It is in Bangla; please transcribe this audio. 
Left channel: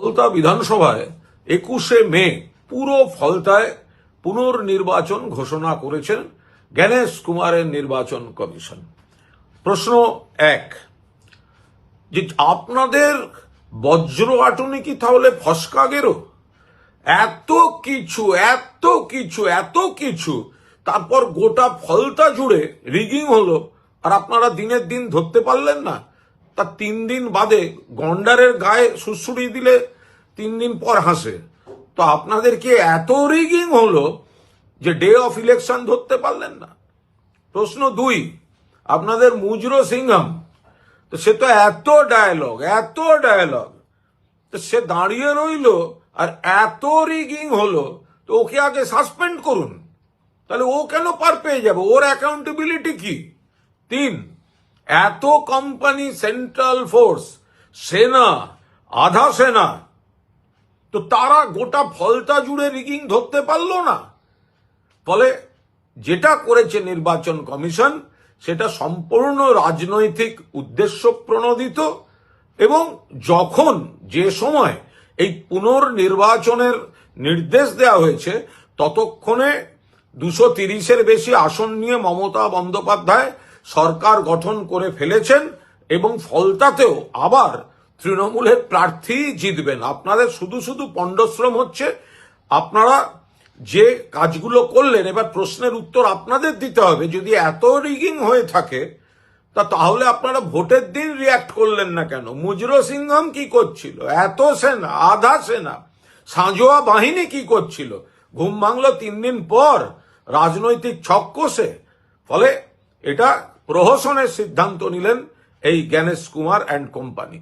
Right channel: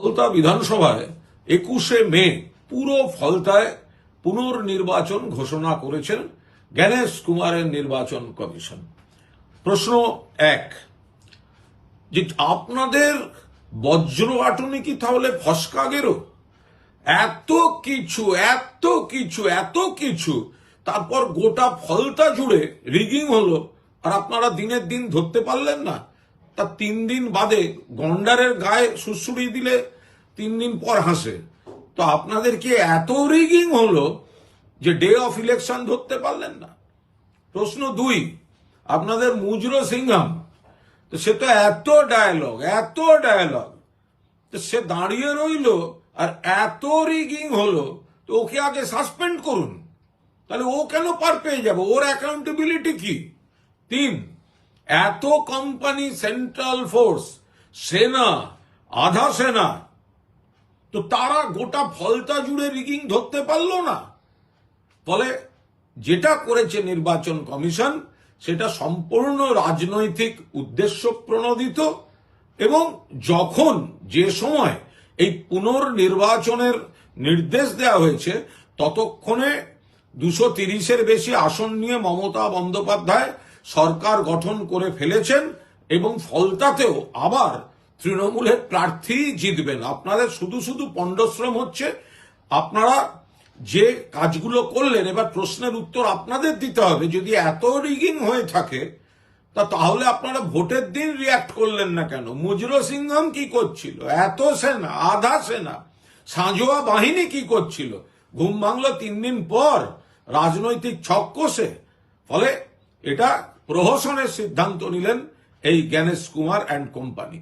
ফলতা বিধানসভায় 21শে মে পুরো ফলতায় পুনর্নির্বাচন ঘোষণা করেছেন জ্ঞানেশ কুমারের নির্বাচন কমিশন। প্রশ্ন এক, যে আপনাদের বজ্র আটুনি কি তাহলে ফসকা গেরো? এত কিছু তারপর গোটা ফলতা জুড়ে রিগিং হলো, আর আপনারা দিনের দিন ধরতে পারলেন না। তা 3 দিন বাদে গন্ডারের গায়ে সুড়সুড়ি দিলে 3 দিন পর হাসে। তো আপনাদের কি এত রিগিং হলো যে ডে অফ ইলেকশন ধরতে পারলেন না? প্রশ্ন 2, আপনাদের মুজরো সিংহাম, তো সে তো এত ডায়ালগ, তো সে দাঁড়িয়ে রইল, আর এত রিগিং হলো, তো ওকে আগে সাসপেন্ড করুন। তাহলে ও কেন পার পেয়ে যাবে? ওর অ্যাকাউন্টেবিলিটি কি? 3, এত কোম্পানি, সেন্ট্রাল ফোর্স, সেনা, আধা সেনা, তো তারা গোটা ফলতা জুড়ে রিগিং ধরতে পারলো না। ফলে যেটা করেছে নির্বাচন কমিশন সেটা সম্পূর্ণ রাজনৈতিক উদ্দেশ্য প্রণোদিত, এবং যখন যে সময় এই পুনর্নির্বাচনের নির্দেশ দেওয়া হয়েছে ততক্ষণে 230-এর বেশি আসন নিয়ে মমতা বন্দ্যোপাধ্যায় সরকার গঠন করে ফেলেছেন, এবং ফলতাতেও আবার তৃণমূলের প্রার্থী জিতবেন। আপনাদের শুধু পণ্ডশ্রম হচ্ছে। আপনারা যে কাজগুলো করলেন, এবার প্রশ্নের উত্তর আপনাদের দিতে হবে। যদি এত রিগিং হয়ে থাকে তাহলে আপনারা ভোটের দিন রিয়াক্ট করলেন না কেন? মুজরো সিংহাম কি করছিল? এত সেনা, আধা সেনা, সাঁজোয়া বাহিনী কি করছিল? ঘুম ভাঙলো 3 দিন পর রাজনৈতিক ছক কষে। ফলে এটা প্রহসনের সিদ্ধান্ত নিলেন এই জ্ঞানেশ কুমার অ্যান্ড কোম্পানি।